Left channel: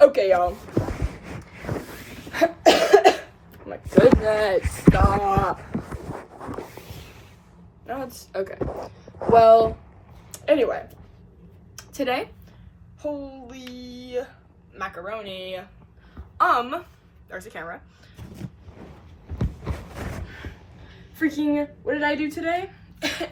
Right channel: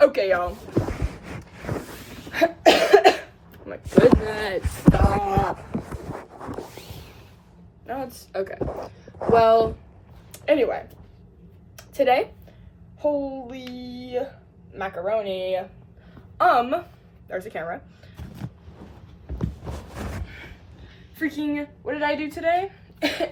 Okay, y'all. Oh my goodness, stop. No, it's okay. Well, anyway, today, holy macaroni. There's the camera. Freaking, what did I do today? It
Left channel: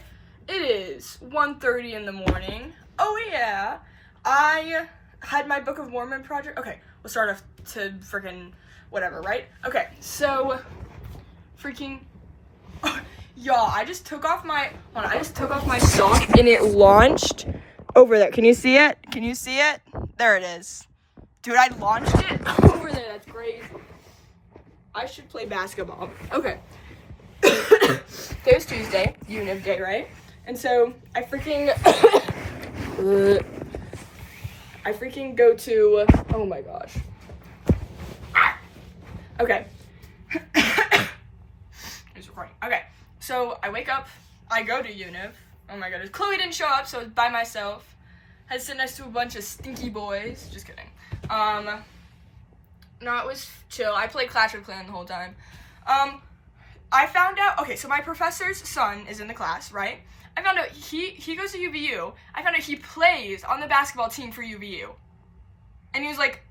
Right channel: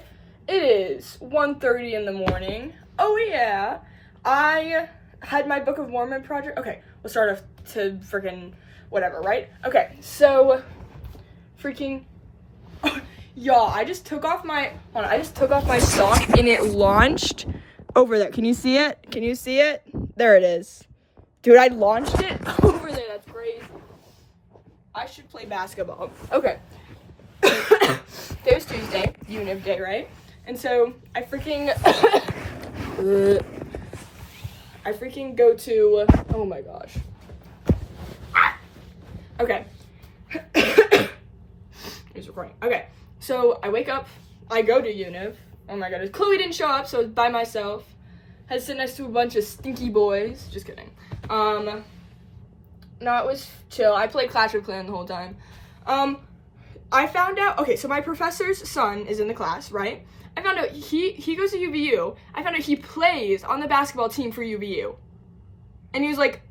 is 1:30 in the morning. Oh yeah, I had my Book of Mormon project. Okay, we'll start off to freaking whatever, right? Okay, so freaking, y'all, I just took off my sock and it launched over there. Can you see it? Can you see it? There it is. Dude, I launched it over there. That's crazy. I should play basketball. Okay. Today was Tuesday, Univ Day, right? And so I freaking go to, oh my gosh. Okay. It's recording. Okay. So I wake up, I go to Univ. Oh my god, Chloe didn't show up, so I was by myself. Had to sit next to a bunch of stinky boys. Just kidding. No, it was chill. I played Clash of Clans the whole time. I found out, okay, so my professor's son is in the class, right? I found out he goes to UVU. I found out he plays on the basketball team for UVU. And he was like,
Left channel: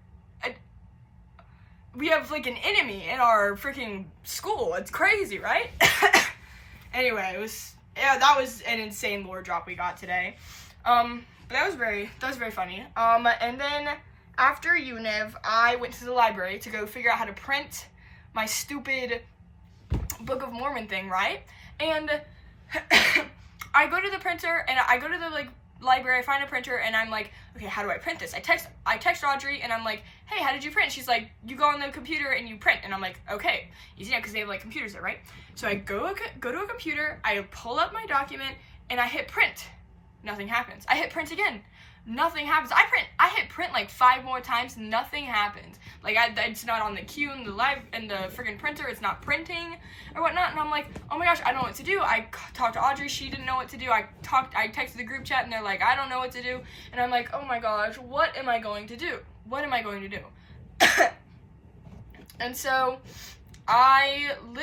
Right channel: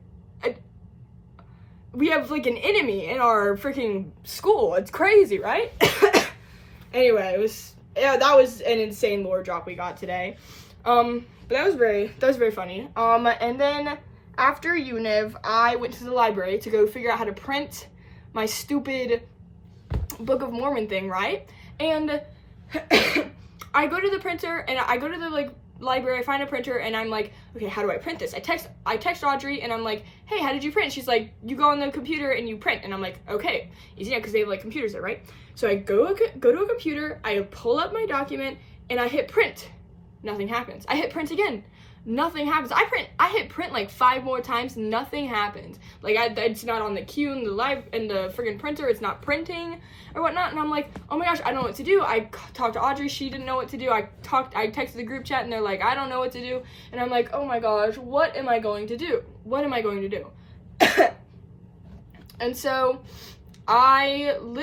we have like an enemy in our freaking school. It's crazy, right? Anyway, that was an insane lore drop we got today. But that was very funny. And then after Univ, I went to the library to go figure out how to print my stupid Book of Mormon thing, right? And I go to the printer and I go to the library, I find a printer and I'm like, okay, how do I print this? I text Audrey and I'm like, hey, how did you print? She's like, you go on the computer and you print. And I'm like, okay, easy, because they have like computers there, right? So I go to a computer, I pull up my document and I hit print. Nothing happens. I hit print again. Nothing happens. I hit print like 5 more times. Nothing happens. Like it's not on the queue in the friggin' printer. It's not printing or whatnot. And I'm like, oh my gosh, I don't know what to do. I talked to Audrey. She didn't know what to do. I texted the group chat and they're like, I don't know what to do. And I'm like, oh my gosh, what am I going to do? What am I going to do? And so I'm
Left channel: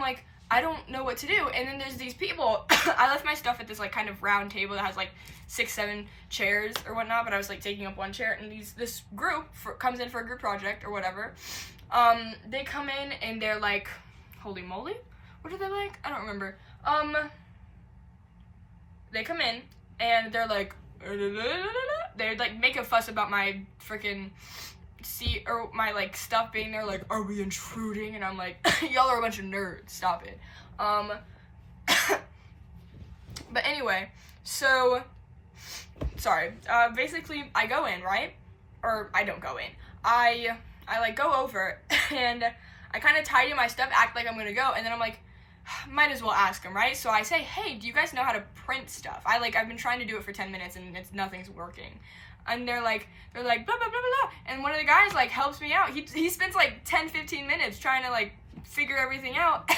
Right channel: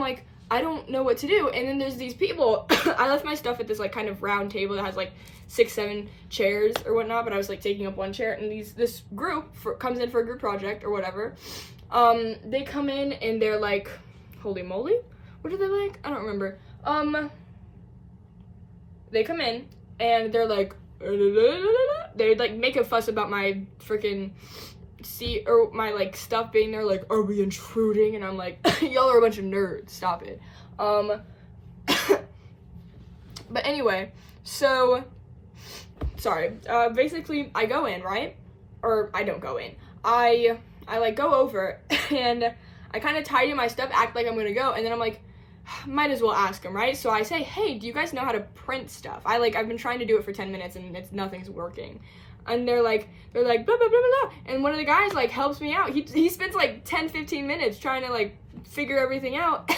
like, I don't know what to do. And then there's these people. I left my stuff at this like kind of round table that has like 6-7 chairs or whatnot, but I was like taking up one chair, and this group comes in for a group project or whatever. They come in and they're like, holy moly, what are they like? I don't remember. They come in and they're like, they like make a fuss about my freaking seat or my like stuff being there, like, are we intruding? And I'm like, y'all are a bunch of nerds, stop it. But anyway, so sorry, basically I go in, right? Or I don't go in. I like go over and I kind of tidy my stuff, act like I'm gonna go, and then I'm like, might as well ask them, right? So I say, hey, do you guys know how to print stuff? I've been trying to do it for 10 minutes and nothing's working. And they're like blah blah blah blah blah, and one of the guys like helps me out. He spends like 10-15 minutes trying to like figure everything out.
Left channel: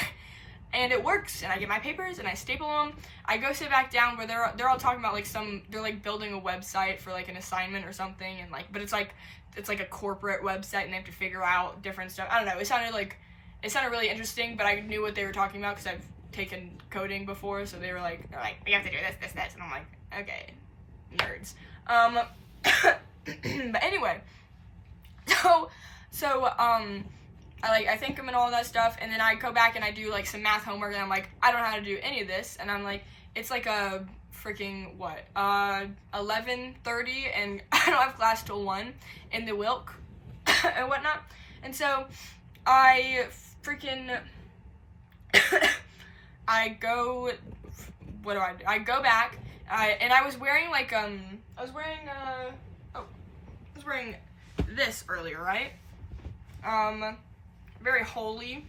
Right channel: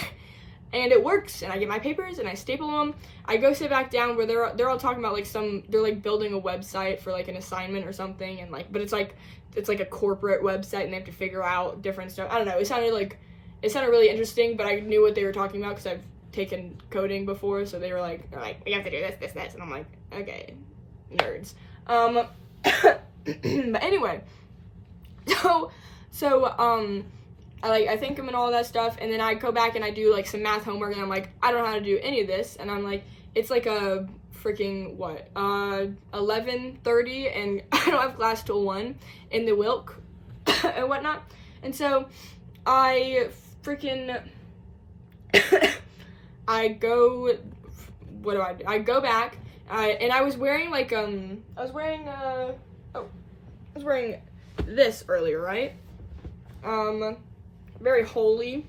And it works, and I get my papers and I staple them. I go sit back down where they're all talking about like they're like building a website for like an assignment or something, and like, but it's like a corporate website and they have to figure out different stuff. I don't know. It sounded really interesting, but I knew what they were talking about because I've taken coding before. So they're like, we have to do this, and I'm like, okay, nerds. But anyway, so I thank him and all that stuff, and then I go back and I do like some math homework, and I'm like, I don't know how to do any of this, and I'm like, it's like a freaking 11:30, and I don't have class till 1 in the Wilk and whatnot, and so I freaking I go back, and I was wearing like I was wearing this earlier, right? Very holy.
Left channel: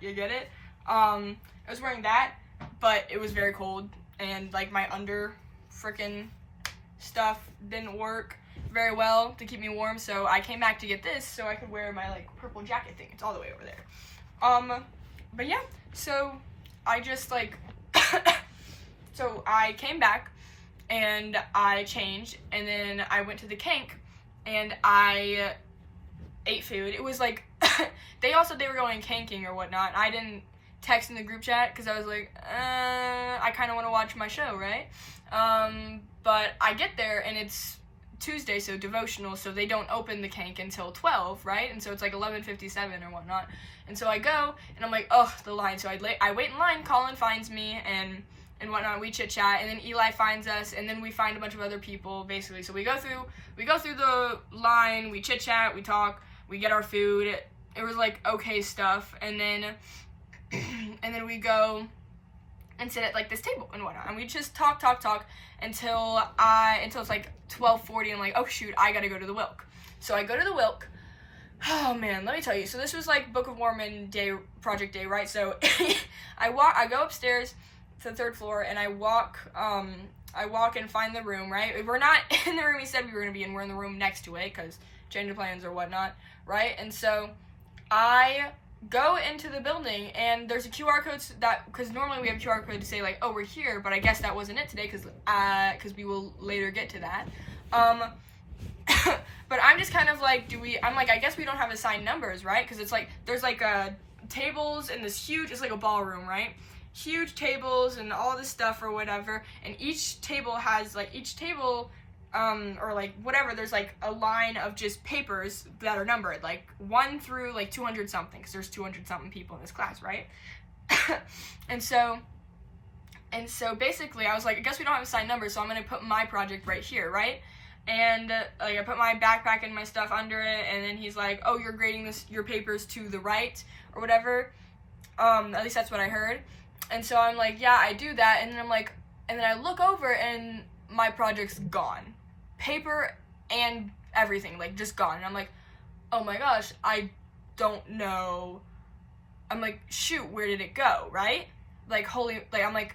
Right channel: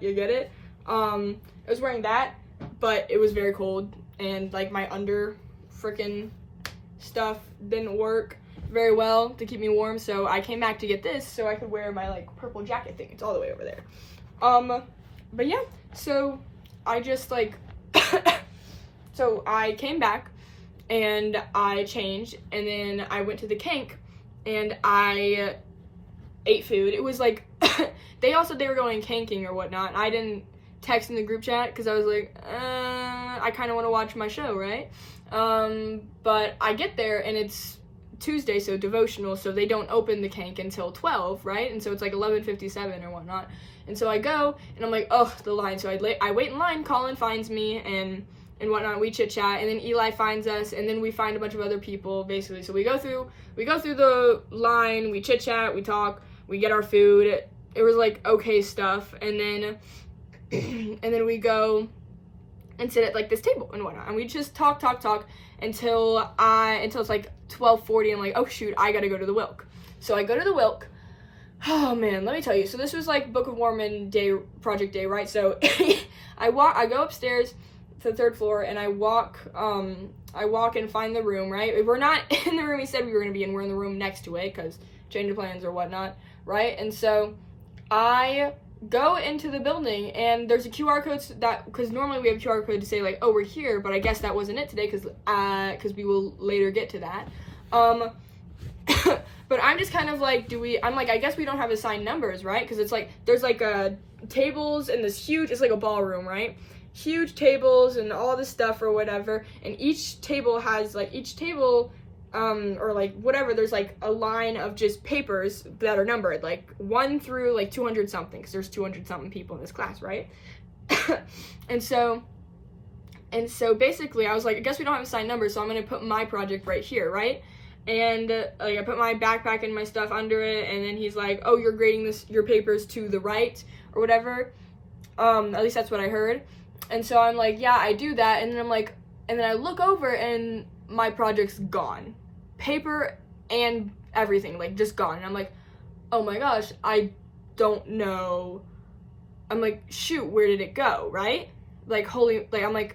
You get it? I was wearing that, but it was very cold, and like my under freaking stuff didn't work very well to keep me warm, so I came back to get this so I could wear my like purple jacket thing. It's all the way over there. But yeah, so I just like so I came back and I changed, and then I went to the Kank and I ate food. It was like, they all said they were going camping or whatnot. I didn't text in the group chat because I was like, I kind of want to watch my show, right? But I get there and it's Tuesday, so devotional, so they don't open the kank until 12, right? And so it's like 11:57 or whatnot. And so I go, and I'm like, oh, the line. So I wait in line, Colin finds me, and whatnot, we chit chat, and then Eli finds us, and then we find a bunch of other people, basically. So we go through the line, we chit chat, we talk, we get our food. It was like okay stuff, and then we go and sit at like this table and whatnot, and we just talk until it's like 12:40. I'm like, oh shoot, I gotta go to the Wilk. So I go to the Wilk. Oh man, let me tell you. So this was like Book of Mormon day, project day, right? So I go upstairs to the 3rd floor, and I walk and find the room, right? We're not in the room he said we were gonna be in. We're in the room next to it because change of plans or whatnot, right? And so I go into the building, and there's a QR code because normally we have a QR code to say like, oh, we're here, but I guess that wasn't it today because we will later get to that. But I'm just kind of like, I'm like, I guess we don't have assigned numbers, right? Because it's like, there's like tables in this huge, it's like a ballroom, right? Huge tables and all this stuff or whatever, and each table has like, or like whatever, there's like a line of just papers that are numbered, like 1 through like 200 something, because there's 200 something people in this class, right? and so basically I was like, I guess we don't have assigned numbers, so I'm gonna put my project right here, right? And like I put my backpack and my stuff under it, and then he's like, oh, you're grading your papers to the right or whatever. At least that's what I heard. And so I'm like, yeah, I do that. And then I'm like, and then I look over and my project's gone. Paper and everything, like just gone. And I'm like, oh my gosh, I don't know. I'm like, shoot, where did it go, right? Like, holy, like,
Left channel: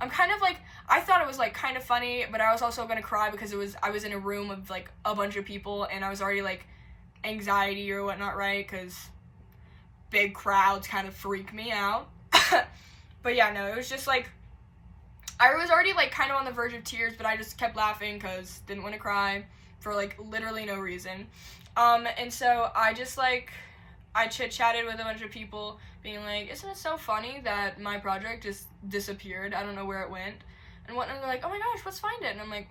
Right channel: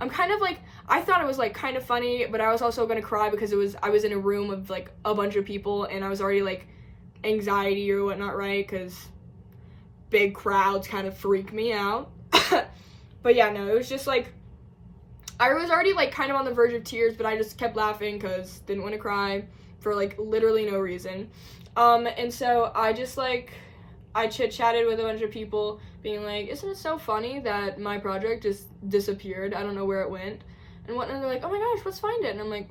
I'm kind of like, I thought it was like kind of funny, but I was also gonna cry because I was in a room of like a bunch of people, and I was already like anxiety or whatnot, right? Because big crowds kind of freak me out. But yeah, no, it was just like, I was already like kind of on the verge of tears, but I just kept laughing because didn't want to cry for like literally no reason. And so I just like, I chit-chatted with a bunch of people being like, isn't it so funny that my project just disappeared? I don't know where it went. And whatnot, they're like, oh my gosh, let's find it. And I'm like,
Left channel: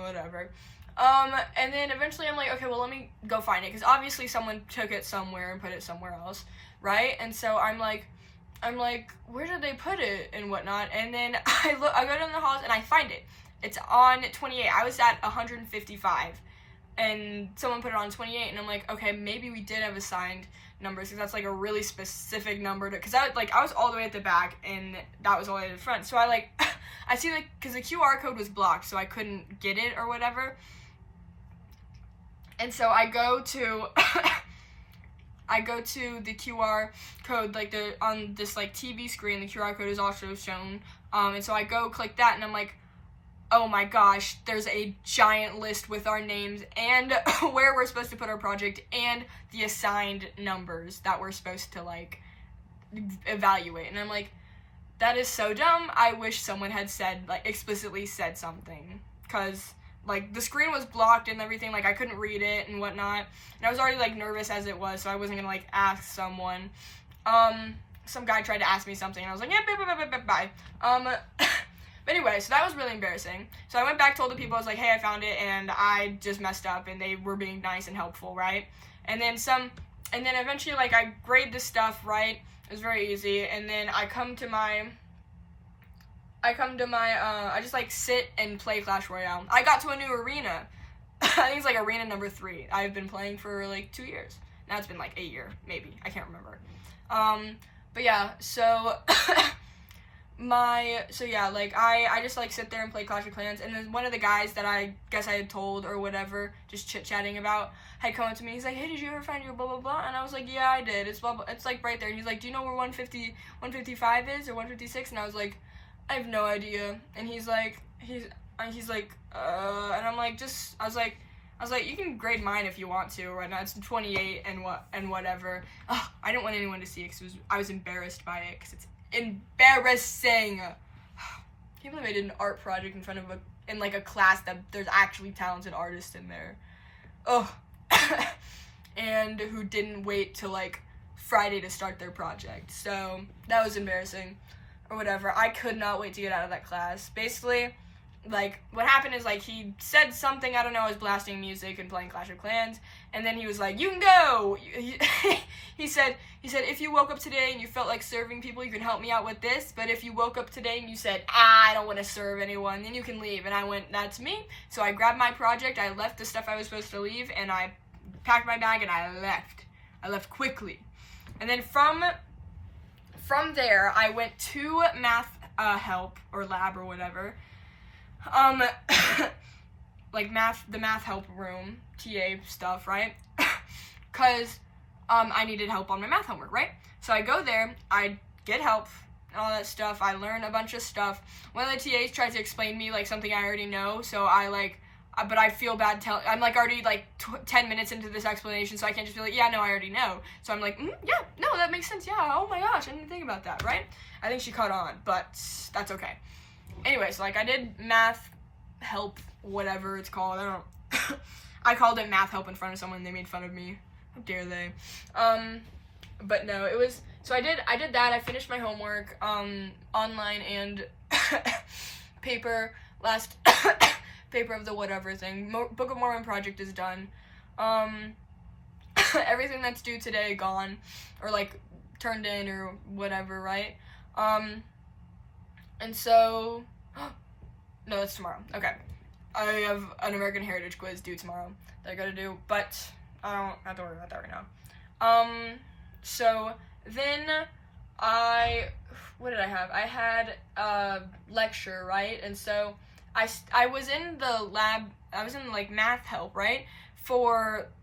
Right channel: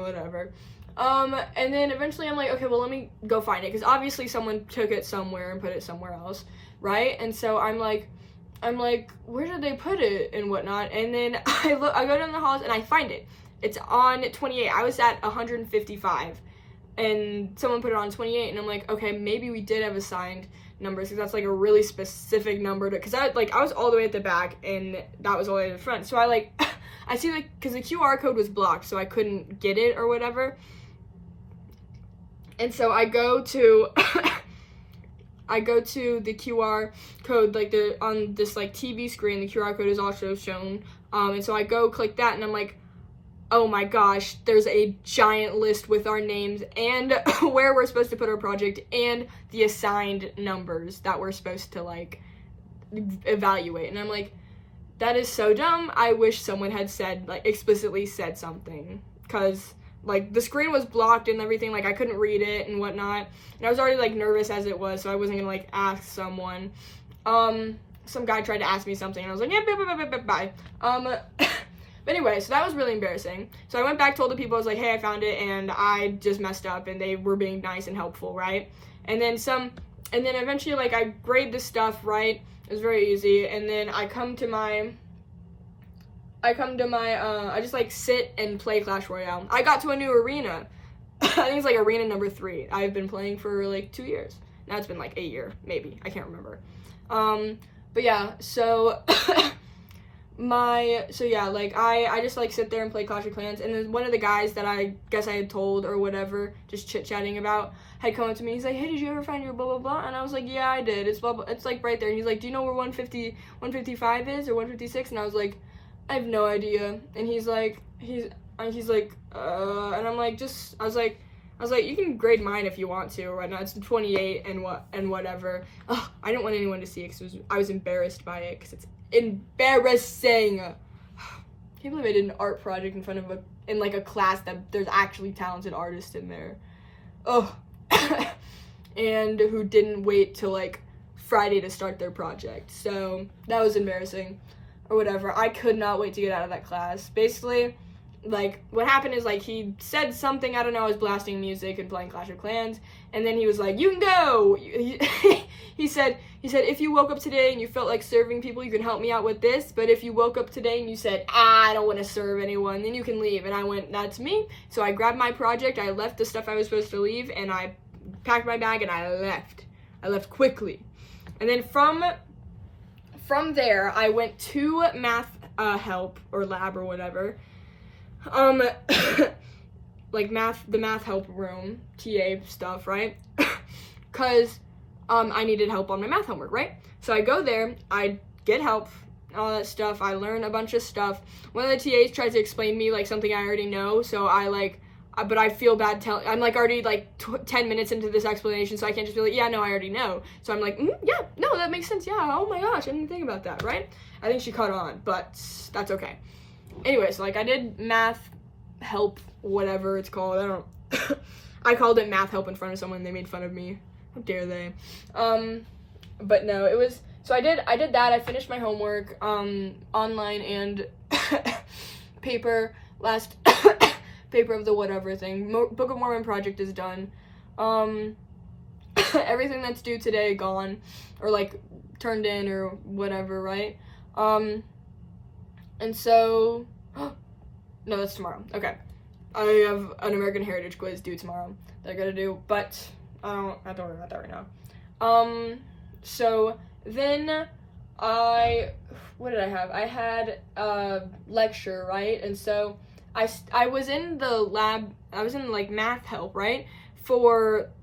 whatever. And then eventually I'm like, okay, well, let me go find it. Because obviously someone took it somewhere and put it somewhere else, right? And so I'm like, where did they put it and whatnot? And then I go down the halls and I find it. It's on 28. I was at 155. And someone put it on 28, and I'm like, okay, maybe we did have assigned numbers, because that's like a really specific number to, because I was all the way at the back, and that was all the way to the front, so I like, I see like, because the QR code was blocked, so I couldn't get it or whatever, and so I go to, the QR code, like on this like TV screen, the QR code is also shown, and so I go click that, and I'm like, oh my gosh, there's a giant list with our names and where we're supposed to put our project and the assigned numbers that we're supposed to like evaluate. And I'm like, that is so dumb. I wish someone had said, like, explicitly said something, because like the screen was blocked and everything, like I couldn't read it and whatnot, and I was already like nervous as it was, so I wasn't gonna like ask someone. Some guy tried to ask me something and I was like, yeah, bye. But anyway, so that was really embarrassing. So I went back, told the people, I was like, hey, I found it, and I just messed up, and they were being nice and helpful, right? And then eventually, like, I grade this stuff, right? It was very easy, and then I just, like, sit and play Clash Royale. I got to a new arena. I think it's, like, arena number 3. I've been playing for, like, 2 years. Now it's been, like, a year, maybe. I can't remember. But yeah, so... I just like sit there and play Clash of Clans, and then one of the guys that I guess I had told or whatever, just chit-chatting about, had come up to me. He's like, hey, did you ever find your blah blah blah? And I was like, yeah, I did. It's blah blah. It's like right there. And he's like, do you know where 155 is or 156? And I was like, I have no idea. And he's like, and I'm like, I was like, you can grade mine if you want to or whatnot. It's 28 and whatever. Oh, I didn't want anyone to see it because I was embarrassed by it because it's embarrassing. Can't believe I did an art project in front of in a class that there's actually talented artists in there. Oh, and who didn't wait till like Friday to start their project. So that was embarrassing or whatever. I could not wait to get out of that class. Basically, like, what happened is, like, he said something, I don't know, I was blasting music and playing Clash of Clans, and then he was like, you can go! He said, if you woke up today and you felt like serving people, you can help me out with this, but if you woke up today and you said, I don't want to serve anyone, then you can leave. And I went, that's me. So I grabbed my project, I left the stuff I was supposed to leave, and I packed my bag and I left. I left quickly. And then from there, I went to math help, or lab, or whatever, like the math help room, TA stuff, right? Cause, I needed help on my math homework, right? So I go there, I get help, all that stuff, I learn a bunch of stuff. One of the TAs tried to explain to me, like, something I already know, so but I feel bad I'm, like, already, like, 10 minutes into this explanation, so I can't just be like, yeah, no, I already know. So I'm like, yeah, no, that makes sense, yeah, oh my gosh, I didn't think about that, right? I think she caught on, but that's okay. Anyways, like, I did math help, whatever it's called. I called it math help in front of someone, and they made fun of me. How dare they? But no, it was, so I did that. I finished my homework, online and paper, last paper of the whatever thing. Book of Mormon project is done. Everything that's due today, gone, or, like, turned in, or whatever, right? And so, no, that's tomorrow. Okay. I have an American Heritage quiz due tomorrow that I gotta do, but I don't have to worry about that right now. So then what did I have? I had a lecture, right? And so I was in the lab, I was in, like, math help, right?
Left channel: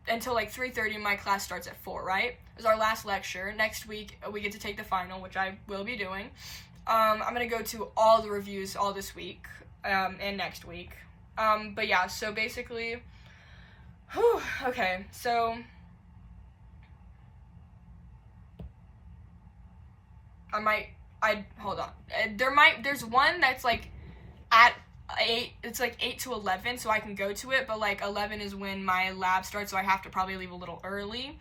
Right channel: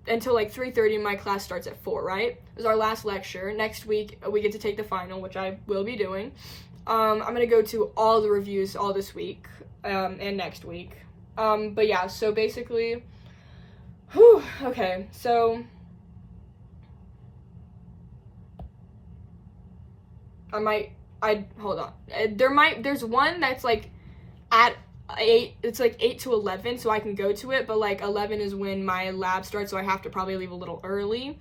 Until, like, 3:30, my class starts at 4, right? It was our last lecture. Next week, we get to take the final, which I will be doing. I'm gonna go to all the reviews all this week, and next week. But yeah, so basically, okay, so, hold on, there's one that's, like, at 8, it's, like, 8 to 11, so I can go to it, but, like, 11 is when my lab starts, so I have to probably leave a little early.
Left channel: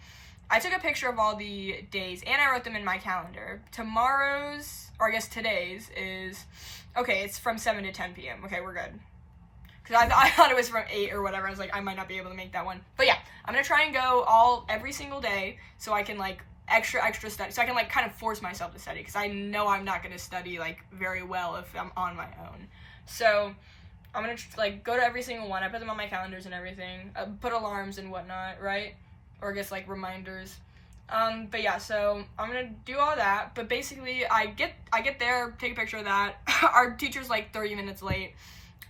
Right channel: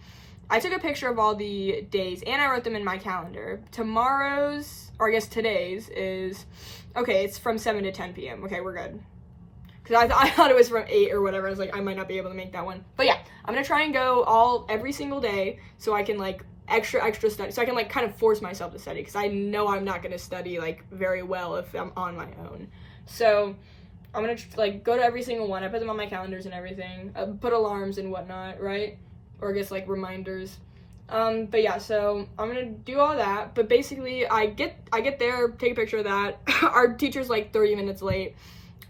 I took a picture of all the days, and I wrote them in my calendar. Tomorrow's, or I guess today's, is, okay, it's from 7 to 10 p.m. Okay, we're good. Because I thought it was from 8 or whatever. I was like, I might not be able to make that one. But yeah, I'm going to try and go every single day so I can, like, extra study. So I can, like, kind of force myself to study. Because I know I'm not going to study, like, very well if I'm on my own. So I'm going to, like, go to every single one. I put them on my calendars and everything. Put alarms and whatnot, right? Or I guess, like, reminders. But yeah, so I'm gonna do all that, but basically I get there, take a picture of that. Our teacher's like 30 minutes late.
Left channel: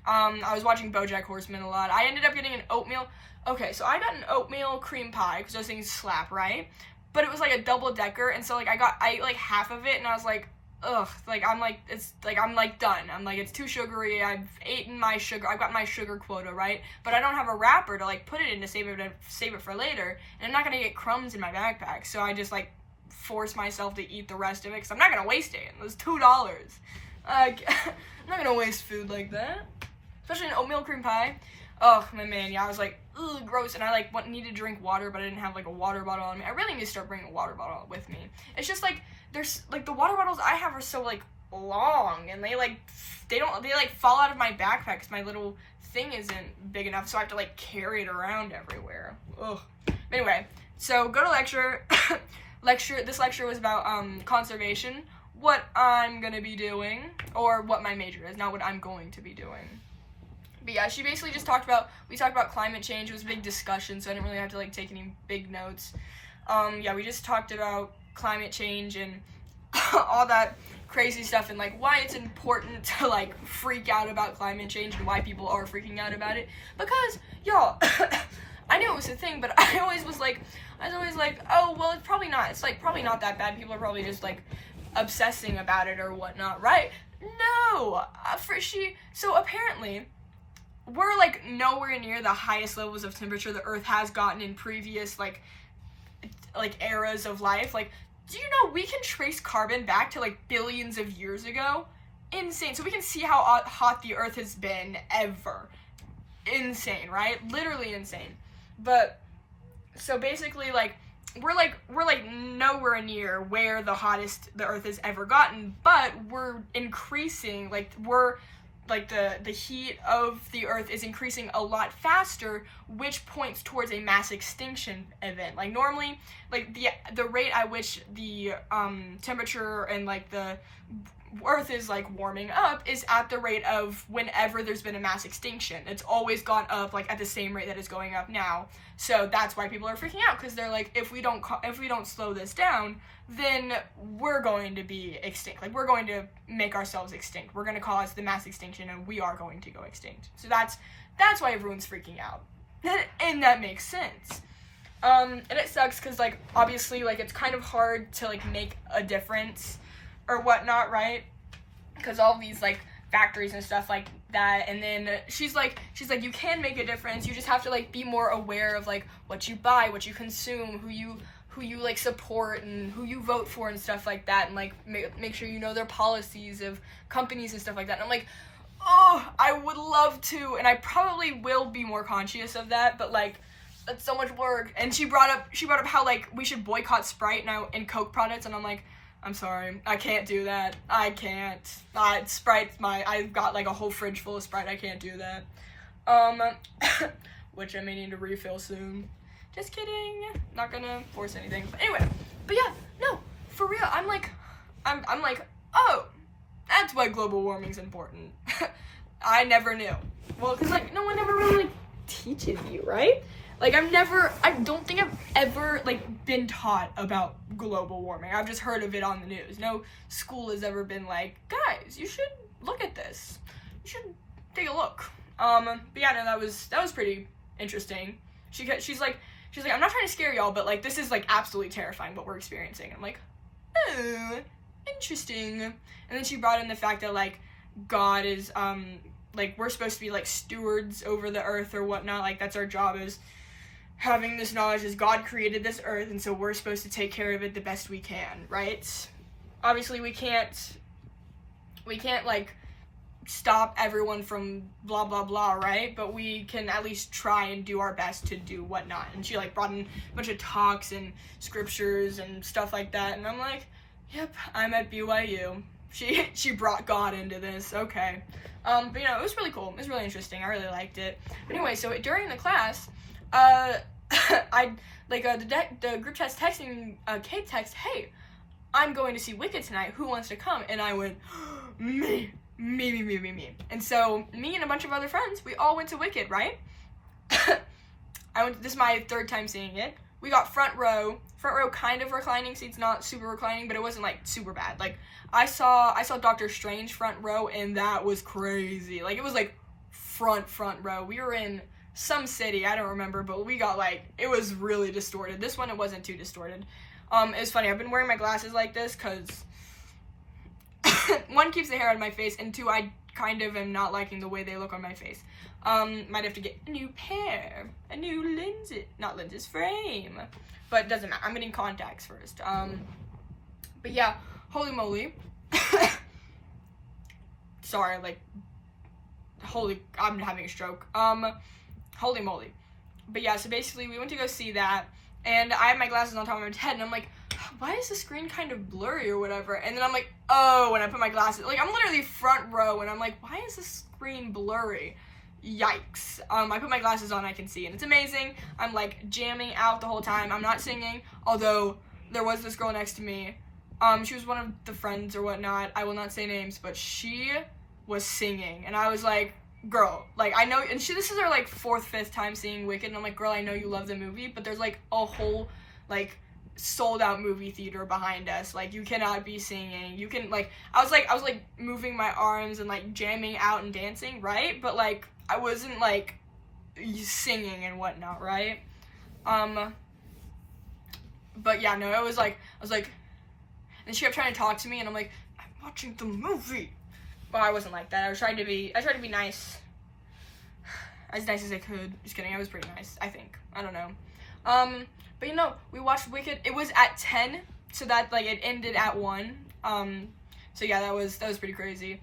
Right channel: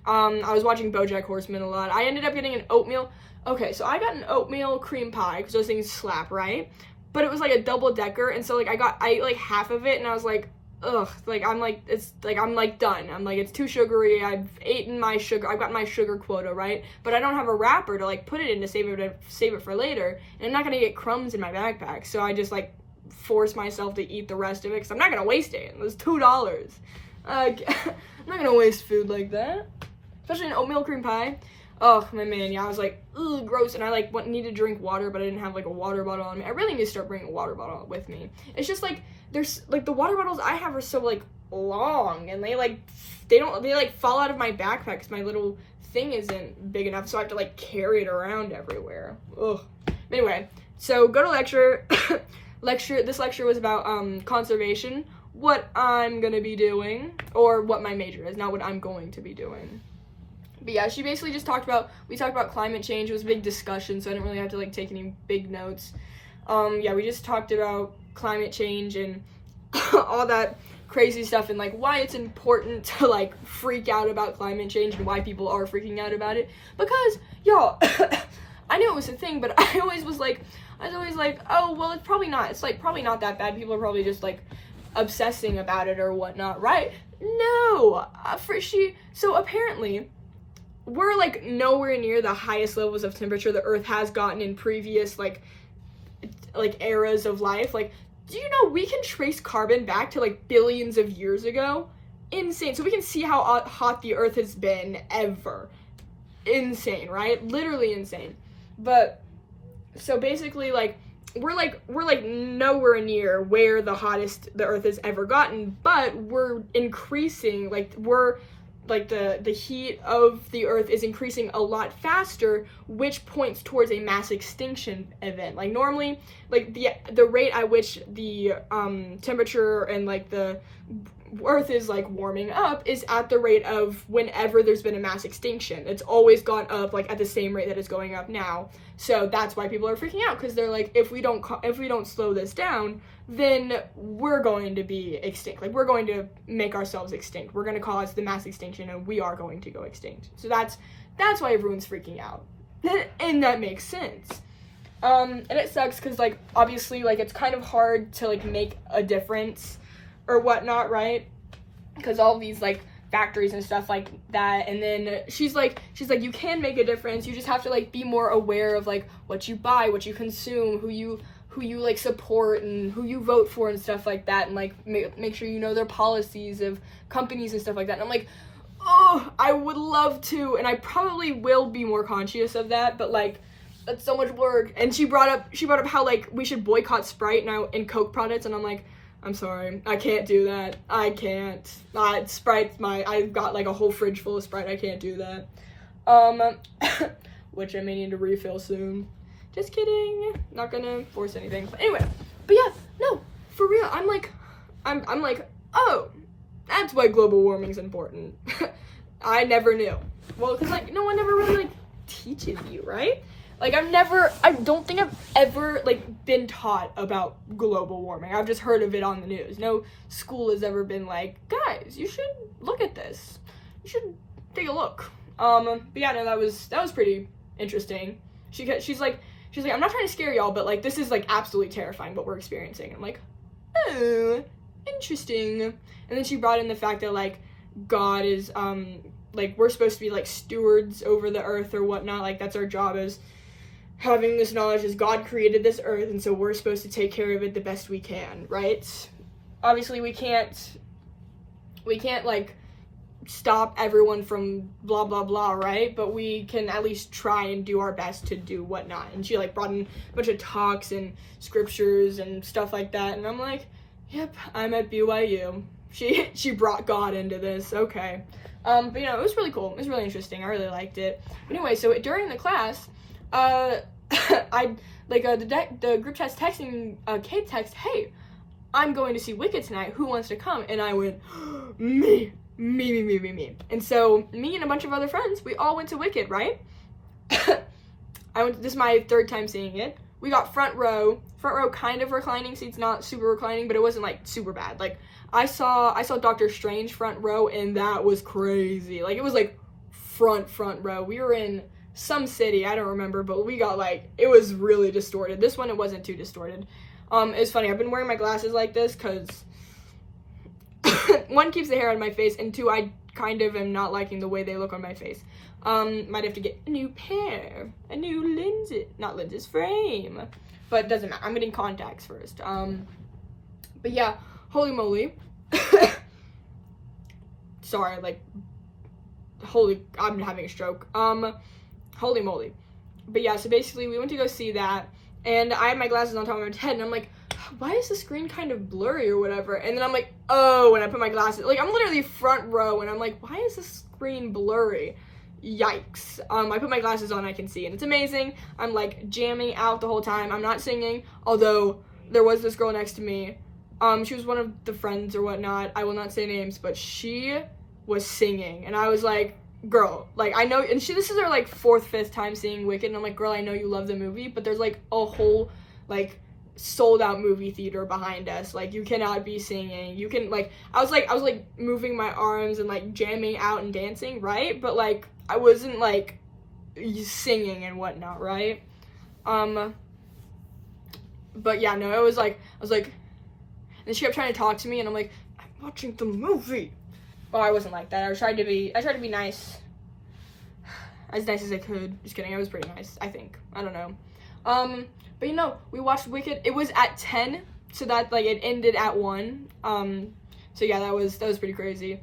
I was watching BoJack Horseman a lot. I ended up getting an oatmeal. Okay, so I got an oatmeal cream pie, because those things slap, right? But it was like a double-decker, and so, like, I ate like half of it, and I was like, ugh, like, I'm like, it's, like, I'm, like, done. I'm like, it's too sugary. I've eaten my sugar. I've got my sugar quota, right? But I don't have a wrapper to, like, put it in to save it for later, and I'm not gonna get crumbs in my backpack, so I just, like, force myself to eat the rest of it, because I'm not gonna waste it. It was $2. I'm not gonna waste food like that, especially an oatmeal cream pie. Oh, my man, yeah, I was like, ugh, gross, and I, like, needed to drink water, but I didn't have, like, a water bottle on me. I really need to start bringing a water bottle with me. It's just, like, there's, like, the water bottles I have are so, like, long, and they, like, they, like, fall out of my backpack because my little thing isn't big enough, so I have to, like, carry it around everywhere. Ugh. But anyway, so go to lecture. This lecture was about, conservation, what I'm gonna be doing, or what my major is, not what I'm going to be doing. But yeah, we talked about climate change. It was a big discussion, so I didn't really have to, like, take any big notes. Yeah, we just talked about climate change and all that crazy stuff, and, like, why it's important to, like, freak out about climate change and why people are freaking out about it. Because, y'all, I knew it was a thing, but I was always like, oh, well, it's probably not. It's, like, probably not that bad. People are probably just, like, obsessing about it or whatnot, right? No! So apparently, we're, like, nowhere near the highest levels of temperature the Earth has gotten in previous, like eras of life. Like, do you know we can trace carbon back to, like, billions of years ago? Insane. So we can see how hot the Earth has been ever. Insane, right? Literally insane. But so basically, like, we're like nowhere near where the hottest the Earth has ever gotten, but we're increasing, like, we're like the heat of the Earth is increasing a lot faster, which points towards a mass extinction event. Like, normally, like, the rate at which the temperature and, like, the Earth is, like, warming up is at the rate of whenever there's been a mass extinction. It's always gone up, like, at the same rate that it's going up now. So that's why people are freaking out, because they're like, if we don't slow this down, then we're going to be extinct. Like, we're going to make ourselves extinct. We're going to cause the mass extinction, and we are going to go extinct. So that's why everyone's freaking out. And that makes sense. And it sucks, because, like, obviously, like, it's kind of hard to, like, make a difference or whatnot, right? Because all these, like, factories and stuff like that, and then she's like, you can make a difference. You just have to, like, be more aware of, like, what you buy, what you consume, who you like support, and who you vote for and stuff like that, and, like, make sure you know their policies of companies and stuff like that. And I'm like, oh, I would love to, and I probably will be more conscious of that, but, like, that's so much work. And she brought up how, like, we should boycott Sprite and Coke products, and I'm like, I'm sorry, I can't do that. I can't. Sprite's I've got, like, a whole fridge full of Sprite. I can't do that. Which I may need to refill soon. Just kidding. Not gonna force anything. But anyway, yeah, no, for real, I'm like, oh, that's why global warming's important. I never knew. Well, because, like, no one ever really, like, teaches you, right? Like, I don't think I've ever, like, been taught about global warming. I've just heard of it on the news. No school has ever been like, guys, you should look at this. You should take a look. But yeah, no, that was pretty interesting. She's like, I'm not trying to scare y'all, but, like, this is, like, absolutely terrifying what we're experiencing. And I'm like, oh, interesting. And then she brought in the fact that, like, God is, like, we're supposed to be, like, stewards over the earth or whatnot. Like, that's our job, is having this knowledge as God created this earth, and so we're supposed to take care of it the best we can, right? Obviously, we can't, like, stop everyone from blah, blah, blah, right? But we can at least try and do our best to do whatnot. And she, like, brought in a bunch of talks and scriptures and stuff like that, and I'm like, yep, I'm at BYU. She brought God into this, okay. But, you know, it was really cool. It was really interesting. I really liked it. But anyway, so during the class, the group chat's texting, Kate text, hey, I'm going to see Wicked tonight. Who wants to come? And I went, me. And so me and a bunch of other friends, we all went to Wicked, right? This is my third time seeing it. We got front row kind of reclining seats, not super reclining, but it wasn't, like, super bad. Like, I saw Doctor Strange front row, and that was crazy. Like, it was, like, front row. We were in some city, I don't remember, but we got, like, it was really distorted. This one, it wasn't too distorted. It's funny, I've been wearing my glasses like this because one, keeps the hair out of my face, and two, I kind of am not liking the way they look on my face. Might have to get a new pair, a new frame, but it doesn't matter. I'm getting contacts first. But yeah, holy moly. Sorry, like, I'm having a stroke. Holy moly. But yeah, so basically we went to go see that, and I had my glasses on top of my head, and I'm like, why is the screen kind of blurry or whatever? And then I'm like, oh, when I put my glasses, like, I'm literally front row, and I'm like, why is the screen blurry? Yikes. I put my glasses on, I can see, and it's amazing. I'm, like, jamming out the whole time. I'm not singing, although there was this girl next to me. She was one of the friends or whatnot. I will not say names, but she was singing, and I was like, girl, like, I know, and this is her, like, 4th, 5th time seeing Wicked, and I'm like, girl, I know you love the movie, but there's, like, a whole, like, sold out movie theater behind us. Like, you cannot be singing. You can, like, I was like moving my arms and, like, jamming out and dancing, right? But, like, I wasn't, like, singing and whatnot, right? But yeah, no, I was like, and she kept trying to talk to me, and I'm like, I'm watching the movie. Well, I wasn't like that. I tried to be nice. As nice as I could. Just kidding, I was pretty nice, I think. I don't know. But you know, we watched Wicked. It was at 10, so that, like, it ended at 1. So yeah, that was pretty crazy.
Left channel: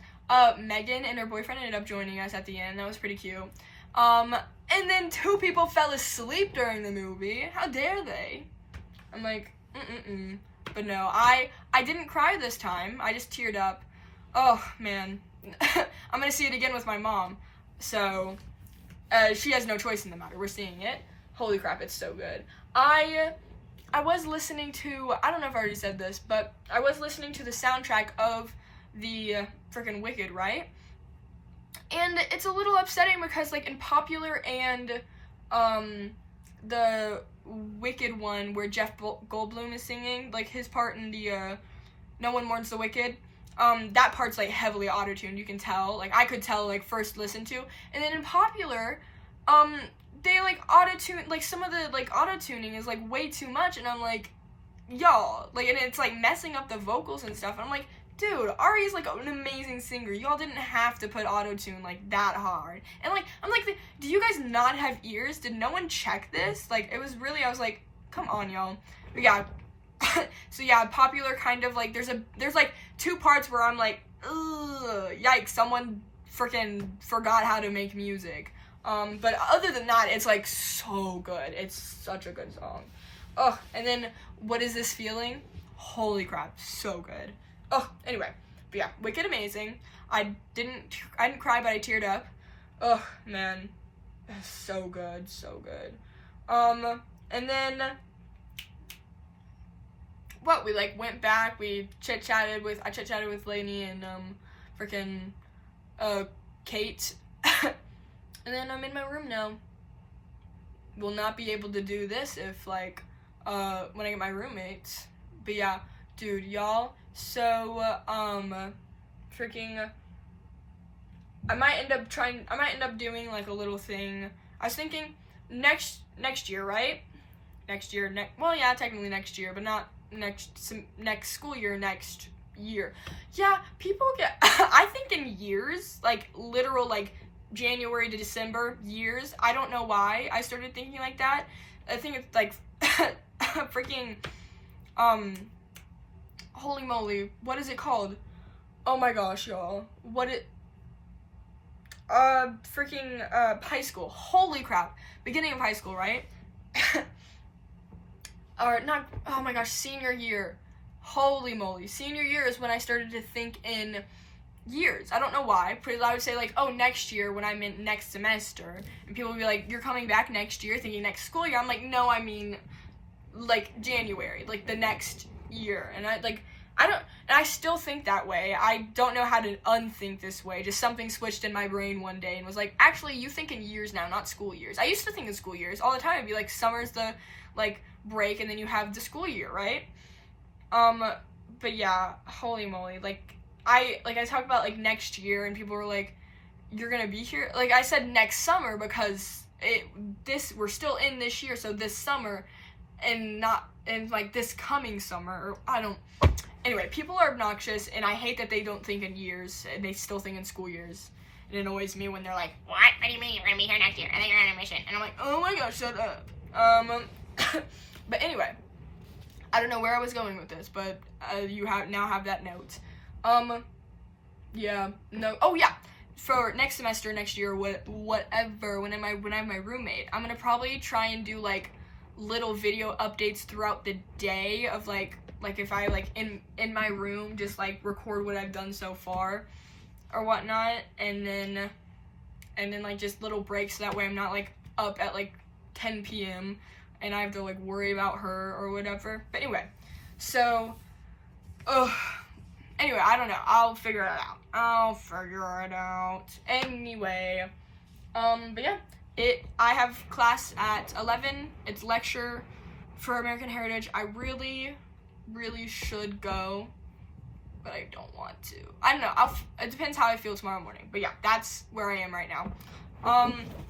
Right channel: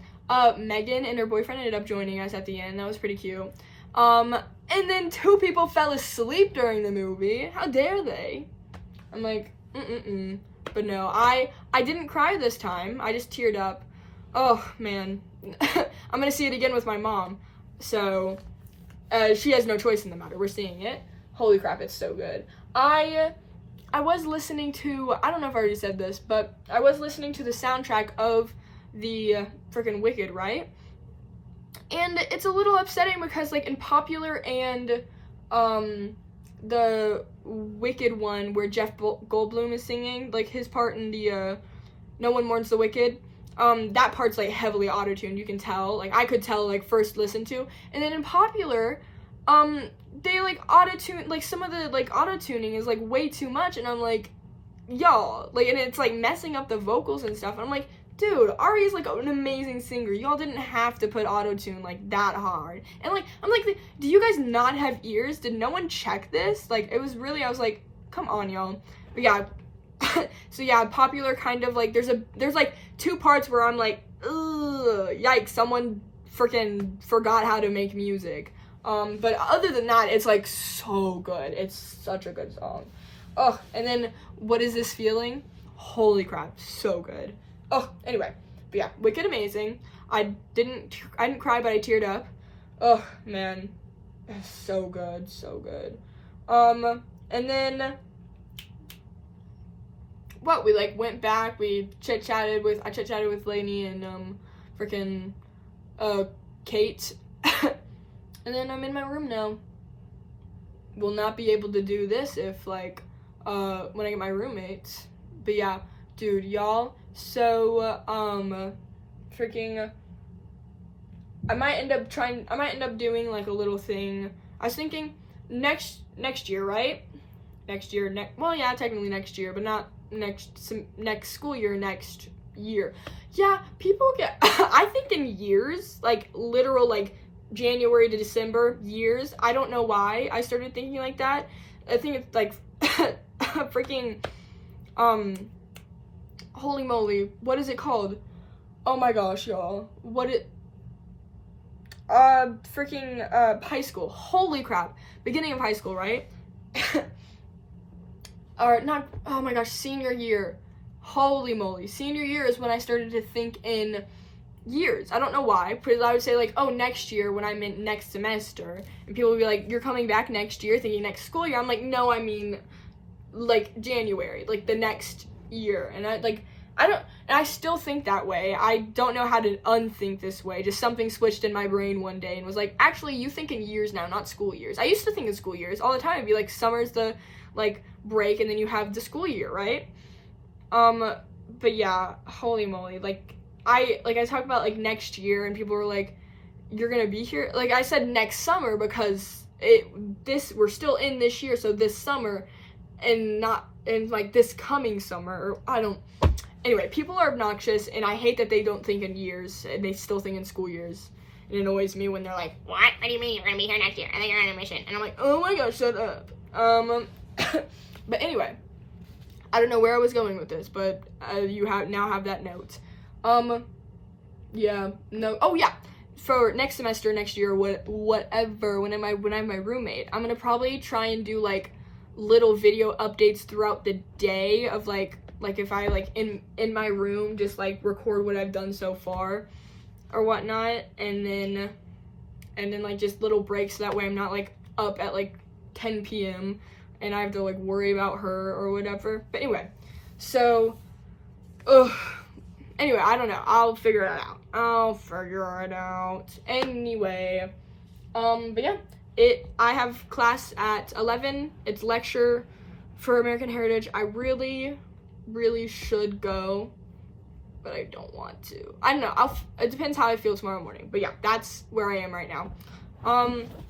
Megan and her boyfriend ended up joining us at the end. That was pretty cute. And then 2 people fell asleep during the movie. How dare they? I'm like, But no, I didn't cry this time. I just teared up. Oh, man. I'm gonna see it again with my mom. So, she has no choice in the matter. We're seeing it. Holy crap, it's so good. I was listening to, I don't know if I already said this, but I was listening to the soundtrack of the freaking Wicked, right? And it's a little upsetting because, like, in Popular and the Wicked one where Jeff Goldblum is singing, like, his part in the No One Mourns the Wicked, that part's, like, heavily auto-tuned, you can tell. Like, I could tell, like, first listen to. And then in Popular, they, like, auto-tune, like, some of the, like, auto-tuning is, like, way too much, and I'm like, y'all, like, and it's, like, messing up the vocals and stuff, and I'm like, dude, Ari's, like, an amazing singer. Y'all didn't have to put auto-tune, like, that hard. And, like, I'm like, do you guys not have ears? Did no one check this? Like, it was really, I was like, come on, y'all. But, yeah. So, yeah, Popular kind of, like, there's, like, 2 parts where I'm like, ugh, yikes, someone freaking forgot how to make music. But other than that, it's, like, so good. It's such a good song. Oh, and then, What Is This Feeling? Holy crap, so good. Oh, anyway, but yeah, Wicked amazing. I didn't cry, but I teared up. Oh, man, so good, so good. And then, what, we, like, went back, I chit-chatted with Lainey and, freaking, Kate, and then I'm in my room now. Will not be able to do this if, like, when I get my roommates, but yeah, dude, y'all, so, freaking, I might end up doing, like, a little thing. I was thinking next year, right? Well, yeah, technically next year, but not next school year, next year. Yeah, people get, I think in years, like, literal, like, January to December years. I don't know why I started thinking like that. I think it's, like, freaking, holy moly, what is it called? Oh my gosh, y'all. Freaking, high school. Holy crap. Beginning of high school, right? Or not, oh my gosh, senior year. Holy moly. Senior year is when I started to think in years. I don't know why, because I would say, like, oh, next year when I meant next semester, and people would be like, you're coming back next year, thinking next school year. I'm like, no, I mean, like, January, like, the next year. And I still think that way. I don't know how to unthink this way. Just something switched in my brain one day and was like, actually, you think in years now, not school years. I used to think in school years all the time. It'd be like, summer's the, like, break, and then you have the school year, right? But yeah, holy moly, like, I talked about, like, next year, and people were like, you're gonna be here? Like, I said next summer because we're still in this year, so this summer, and not in, like, this coming summer, or anyway, people are obnoxious, and I hate that they don't think in years, and they still think in school years. It annoys me when they're like, what do you mean you're gonna be here next year? I think you're on a mission. And I'm like, oh my gosh, shut up. But anyway, I don't know where I was going with this, but you now have that note. Yeah, no, oh yeah, for next semester, next year, whatever, when I have my roommate, I'm gonna probably try and do, like, little video updates throughout the day of, like if I, like, in my room, just, like, record what I've done so far, or whatnot, and then, like, just little breaks, so that way I'm not, like, up at, like, 10 p.m., and I have to, like, worry about her, or whatever. But anyway, so, anyway, I don't know. I'll figure it out. Anyway, but yeah, I have class at 11. It's lecture for American Heritage. I really, really should go, but I don't want to. I don't know. It depends how I feel tomorrow morning. But yeah, that's where I am right now.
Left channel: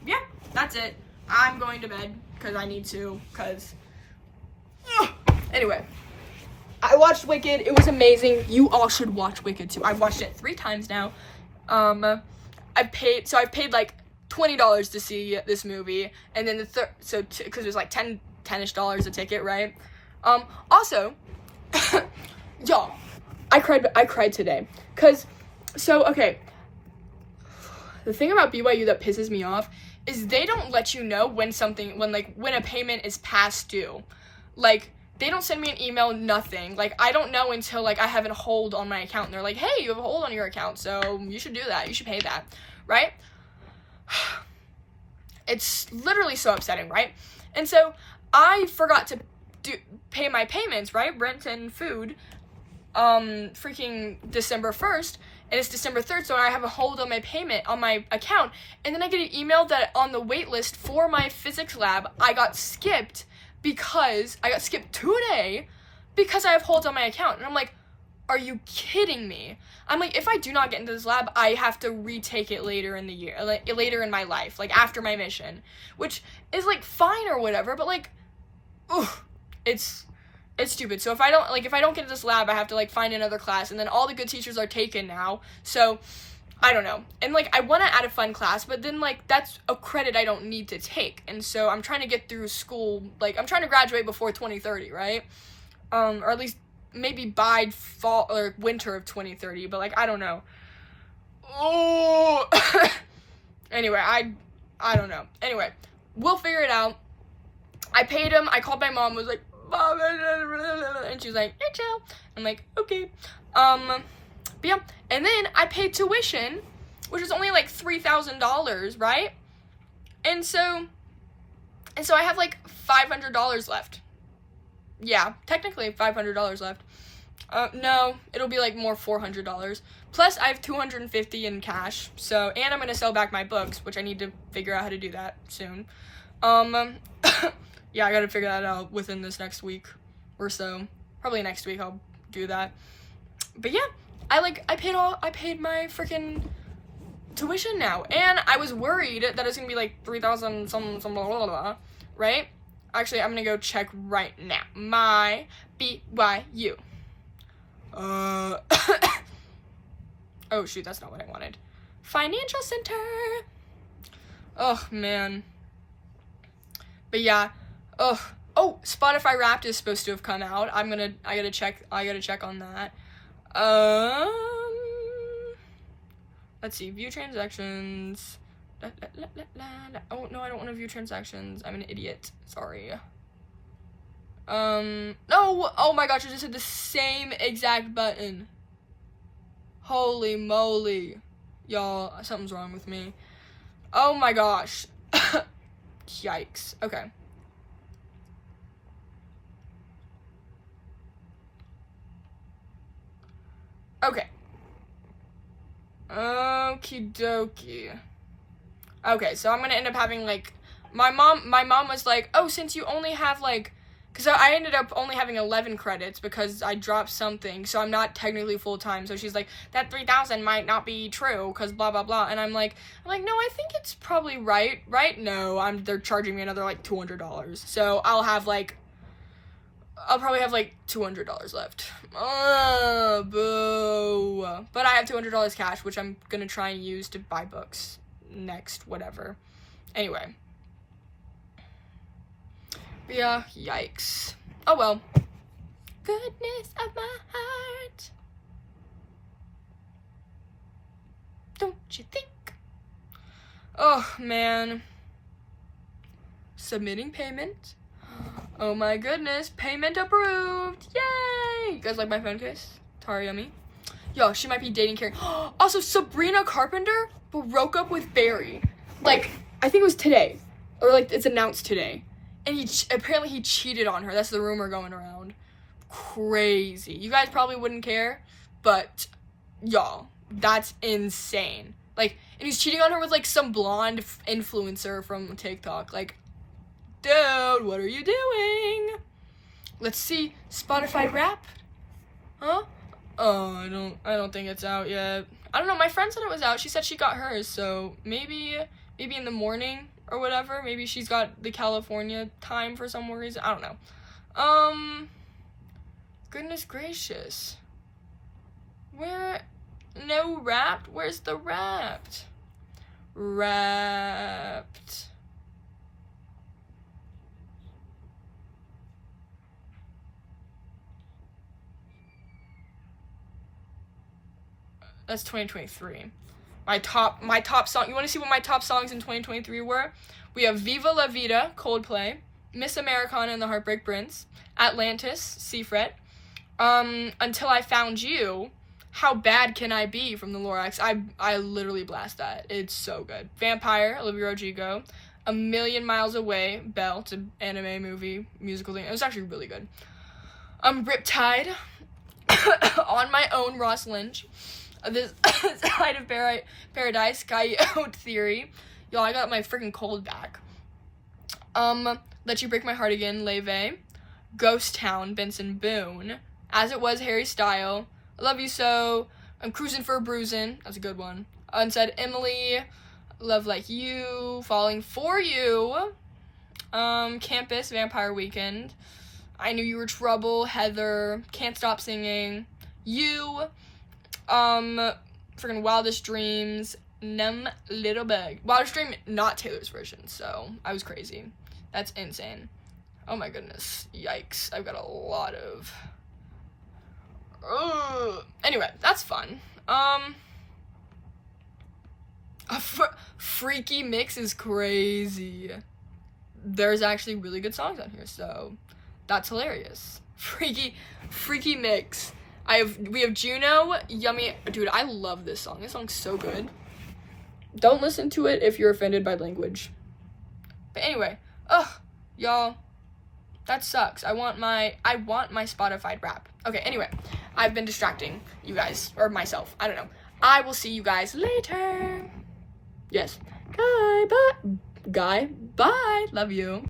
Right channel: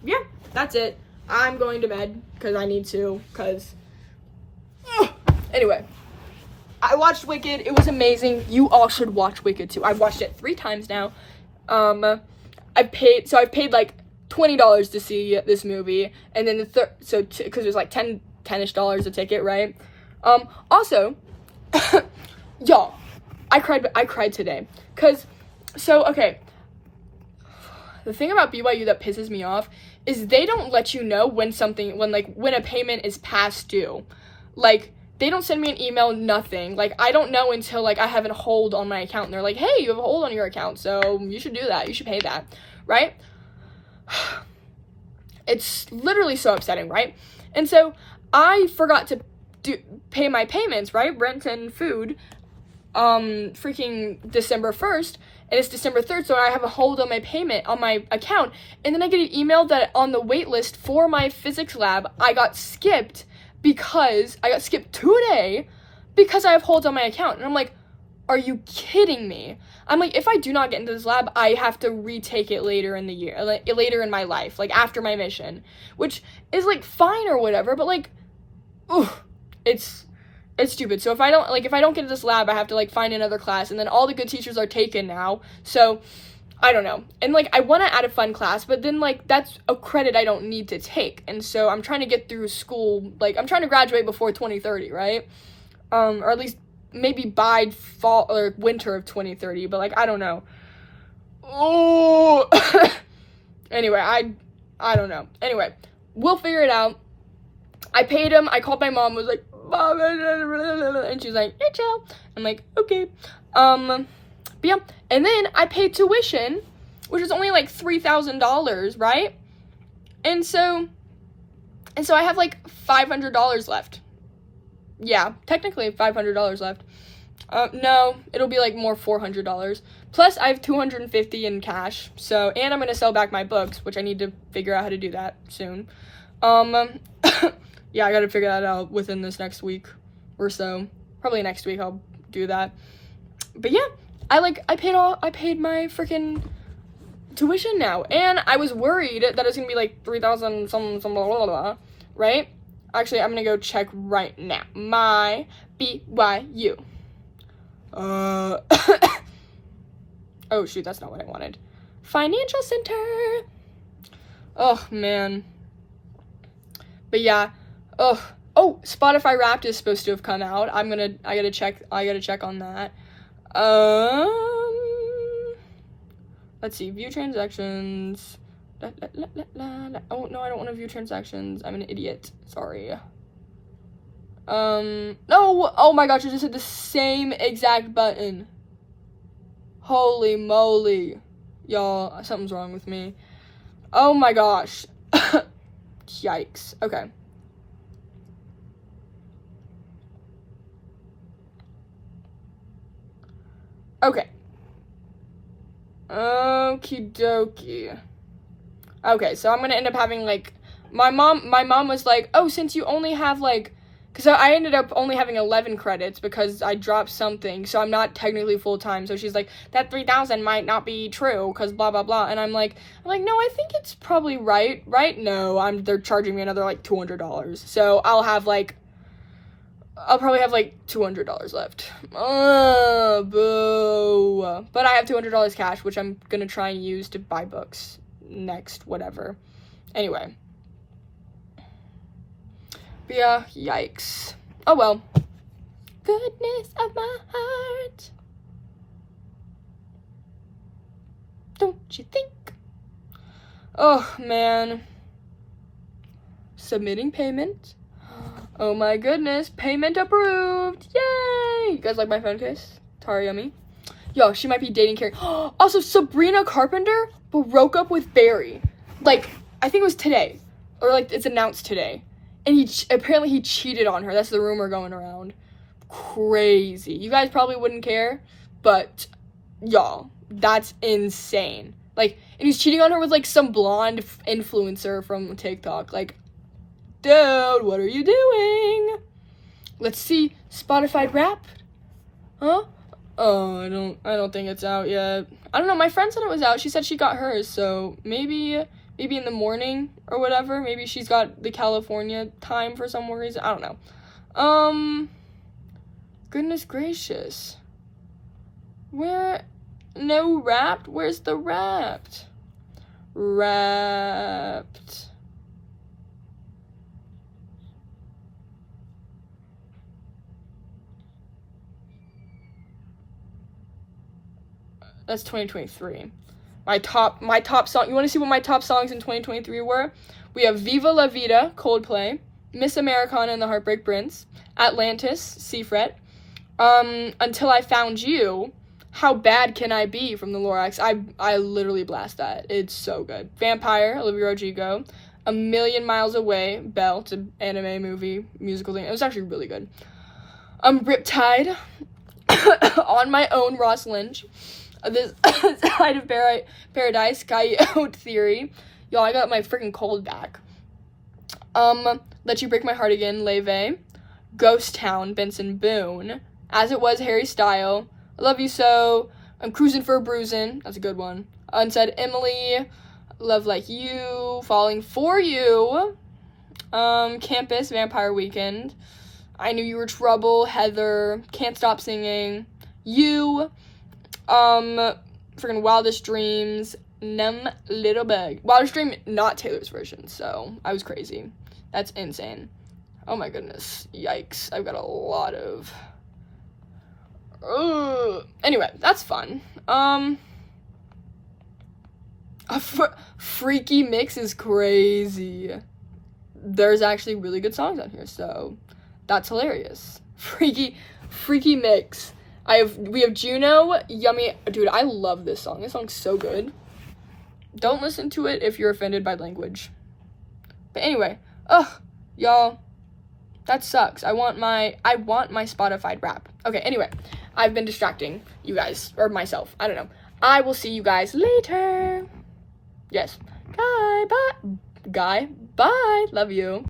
Yeah, that's it. I'm going to bed because I need to, anyway. I watched Wicked. It was amazing. You all should watch Wicked too. I've watched it 3 times now. I've paid like $20 to see this movie, and then because it was like $10-ish a ticket, right? Also, y'all, I cried today, okay, the thing about BYU that pisses me off is they don't let you know when a payment is past due. Like, they don't send me an email, nothing. Like, I don't know until, like, I have a hold on my account, and they're like, hey, you have a hold on your account, so you should do that. You should pay that, right? It's literally so upsetting, right? And so I forgot to pay my payments, right? Rent and food, freaking December 1st, and it's December 3rd, so I have a hold on my payment on my account, and then I get an email that on the wait list for my physics lab, I got skipped 2 days because I have holds on my account. And I'm like, are you kidding me? I'm like, if I do not get into this lab, I have to retake it later in the year, like, later in my life, like, after my mission, which is, like, fine or whatever, but, like, it's stupid. So if I don't get into this lab, I have to, like, find another class, and then all the good teachers are taken now, so I don't know. And, like, I want to add a fun class, but then, like, that's a credit I don't need to take, and so I'm trying to get through school, like, I'm trying to graduate before 2030, right? Or at least maybe by fall or winter of 2030, but, like, I don't know. Oh, anyway, I don't know. Anyway, we'll figure it out. I paid him. I called my mom, was like, Mom, and she's like, hey, chill. I'm like, okay. But yeah, and then I paid tuition, which is only like $3,000, right? And so I have like $500 left. Yeah, technically $500 left. No, it'll be like more $400. Plus, I have $250 in cash. So, and I'm gonna sell back my books, which I need to figure out how to do that soon. Yeah, I gotta figure that out within this next week or so. Probably next week I'll do that. But yeah, I paid my freaking tuition now, and I was worried that it's gonna be like 3,000 some blah blah blah, right? Actually, I'm gonna go check right now. My BYU. Oh shoot, that's not what I wanted. Financial Center. Oh man. But yeah. Oh, Spotify Wrapped is supposed to have come out. I gotta check on that. Let's see, view transactions. Oh, no, I don't want to view transactions. I'm an idiot. Sorry. No, oh my gosh, I just hit the same exact button. Holy moly. Y'all, something's wrong with me. Oh my gosh. Yikes. Okay. Okay. Okie dokie. Okay, so I'm gonna end up having, like, my mom was like, oh, since you only have, like, because I ended up only having 11 credits because I dropped something, so I'm not technically full-time, so she's like, that 3,000 might not be true, because blah, blah, blah, and I'm like, no, I think it's probably right? No, they're charging me another, like, $200, so I'll probably have, like, $200 left. Boo. But I have $200 cash, which I'm gonna try and use to buy books next, whatever. Anyway. But yeah, yikes. Oh well. Goodness of my heart. Don't you think? Oh, man. Submitting payment. Oh my goodness, payment approved! Yay! You guys like my phone case? Tara Yummy. Yo, she might be dating Carrie. Also, Sabrina Carpenter broke up with Barry. Like, I think it was today. Or, like, it's announced today. And apparently he cheated on her. That's the rumor going around. Crazy. You guys probably wouldn't care, but, y'all, that's insane. Like, and he's cheating on her with, like, some blonde influencer from TikTok. Like, dude, what are you doing? Let's see. Spotify Wrapped? Huh? Oh, I don't think it's out yet. I don't know. My friend said it was out. She said she got hers, so maybe in the morning or whatever. Maybe she's got the California time for some reason. I don't know. Goodness gracious. No Wrapped? Where's the Wrapped? Wrapped. That's 2023. My top song. You want to see what my top songs in 2023 were? We have Viva La Vida, Coldplay, Miss Americana and the Heartbreak Prince, Atlantis, Seafret, Until I Found You, How Bad Can I Be from the Lorax. I literally blast that. It's so good. Vampire, Olivia Rodrigo, A Million Miles Away, Belle. It's an anime movie, musical thing. It was actually really good. Riptide, On My Own, Ross Lynch, This Side of Paradise, Coyote Theory. Y'all, I got my freaking cold back. Let You Break My Heart Again, Leve. Ghost Town, Benson Boone. As It Was, Harry Style. I Love You So. I'm Cruising for a Bruisin'. That's a good one. Unsaid Emily. Love Like You. Falling For You. Campus, Vampire Weekend. I Knew You Were Trouble, Heather. Can't Stop Singing. You. Freaking Wildest Dreams. Numb Little Bug. Wildest Dream, not Taylor's version, so I was crazy. That's insane. Oh my goodness. Yikes. I've got a lot of... Anyway, that's fun. Freaky Mix is crazy. There's actually really good songs on here, so that's hilarious. Freaky Mix. We have Juno, Yummy. Dude, I love this song. This song's so good. Don't listen to it if you're offended by language. But anyway, y'all, that sucks. I want my Spotify rap. Okay, anyway, I've been distracting you guys, or myself. I don't know. I will see you guys later. Yes. Bye. Love you.